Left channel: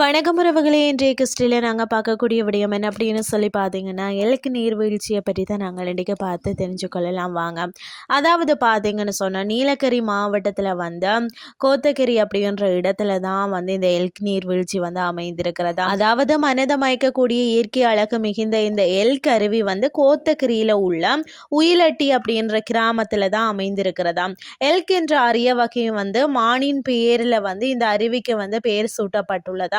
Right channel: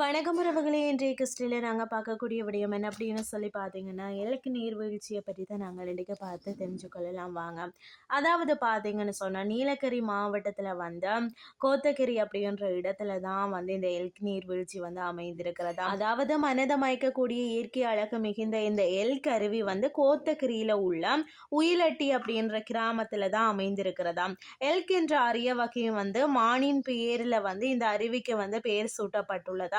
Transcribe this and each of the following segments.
வணக்கம் உறவுகளே. இன்றைய கிறிஸ்டியில் நாங்கள் பார்க்கக்கூடிய விடயம் என்ன அப்படின்னு சொல்லி பார்த்தீங்கன்னா இலக்கு நீர்வீழ்ச்சியை பற்றி தான் நாங்கள் இன்றைக்கி பார்த்து தெரிஞ்சுக்கொள்ளலாம் வாங்க. அதாவது பார்த்தீங்கன்னு சொன்னால் நீலகிரி மாவட்டத்தில் வந்து கோத்தகிரி அப்படின்ற இடத்துல தான் வந்து இந்த எல்க் நீர்வீழ்ச்சி வந்து அமைந்திருக்கிறது. அதாவது மனதை மயக்கக்கூடிய இயற்கை அழகு மிகுந்த இந்த எல்க் அருவி வந்து கோத்தகிரியில் உள்ள உயிலட்டி அப்படின்ற கிராமத்தில் தான் அமைந்திருக்கிறதா. எல்க் என்ற அரிய வகையும் வந்து மானின் பேரில் வந்து இந்த அருவிக்கு வந்து பெயர்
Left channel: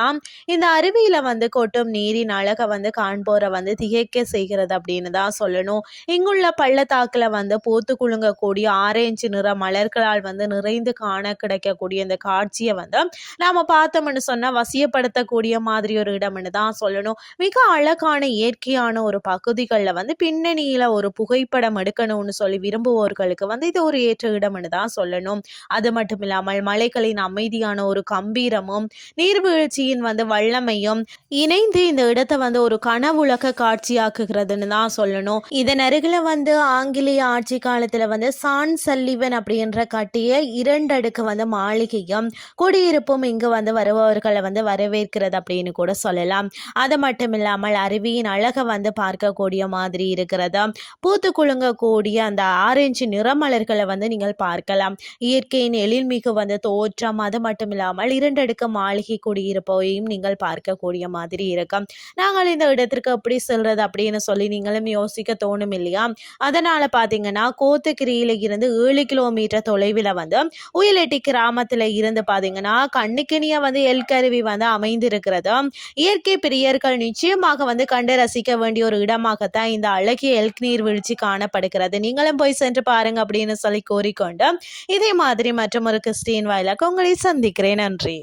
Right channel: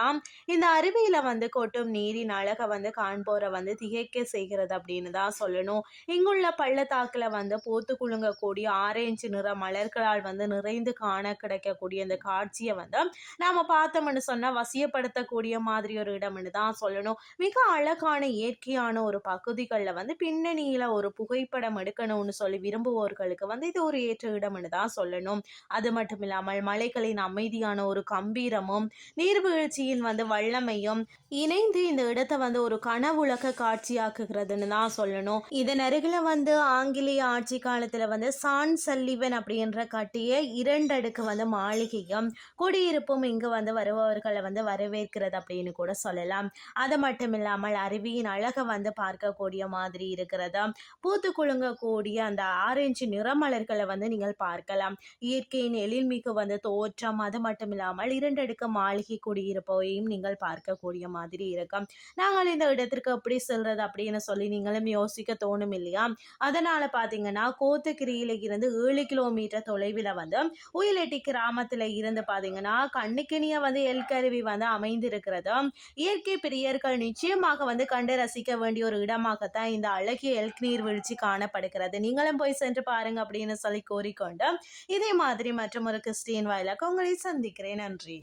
சூட்டப்பட்டுள்ளதாம் இந்த அருவியில் வந்து கொட்டும் நீரின் அழகை வந்து காண்போரை வந்து திகைக்க செய்கிறது அப்படின்னு தான் சொல்லணும். இங்குள்ள பள்ளத்தாக்கில் வந்து பூத்து குலுங்கக்கூடிய ஆரஞ்சு நிற மலர்களால் வந்து நிறைந்து காண கிடைக்கக்கூடிய இந்த காட்சியை வந்து நாம பார்த்தோம்னு சொன்னால் வசியப்படுத்தக்கூடிய மாதிரி ஒரு இடம்னு தான் சொல்லணும். மிக அழகான இயற்கையான ஒரு பகுதிகளில் வந்து பின்னணியில் ஒரு புகைப்படம் எடுக்கணும்னு சொல்லி விரும்புவோர்களுக்கு வந்து இது ஒரு ஏற்ற இடம்னு தான் சொல்லணும். அது மட்டும் இல்லாமல் மலைகளின் அமைதியான ஒரு கம்பீரமும் நீர்வீழ்ச்சியின் வந்து வல்லமையும் இணைந்து இந்த இடத்தை வந்து ஒரு கனவுலக காட்சியாக்குகிறதுன்னு தான் சொல்லணும். இதன் அருகில் வந்து ஆங்கிலேய ஆட்சி காலத்தில் வந்து சான் சல்லிவன் அப்படின்ற கட்டிய இரண்டடுக்கு வந்து மாளிகையும் குடியிருப்பும் இங்கு வந்து வருபவர்களை வந்து வரவேற்கிறது அப்படின்னு கூட சொல்லலாம். அது மட்டும் இல்லாமல் அருவியின் அழகை வந்து பார்க்கக்கூடிய மாதிரி இருக்கிறது. பூத்து குலுங்கக்கூடிய அந்த ஆரஞ்சு நிறமலர்களை வந்து நீங்கள் பார்க்கலாம். இயற்கையின் எழில்மிகு வந்து தோற்றம் அது மட்டும் இல்லாமல் இரண்டடுக்கு மாளிகை மாளிகை போயும் நீங்கள் பார்க்கக்கூடிய மாதிரி இருக்கும். நாங்கள் இந்த இடத்திற்கு எப்படி செல்றது அப்படின்னு சொல்லி நீங்களும் யோசிக்க தோணும் இல்லையா? அதனால் பார்த்தீங்கன்னா கோத்தகிரியில இருந்து ஏழு கிலோமீட்டர் தொலைவில் வந்து உயிலெட்டி கிராமத்தில் இருந்து பார்த்தீங்கன்னா கண்ணுக்கினிய வந்து எல்கருவி வந்து அமைந்திருக்கிறது. இயற்கை பிரியர்கள் நிச்சயமாக வந்து கண்டு ரசிக்க வேண்டிய ஒரு இடமாகத்தான் இந்த அழகிய எல்க் நீர்வீழ்ச்சி காணப்படுகிறது. நீங்களும் போய் சென்று பாருங்க அப்படின்னு சொல்லி கூறிக்கொண்டு இதே மாதிரி மற்றும் ஒரு கிறிஸ்டின் வாயிலாக உங்களை சந்திக்கிறேன். நன்றி.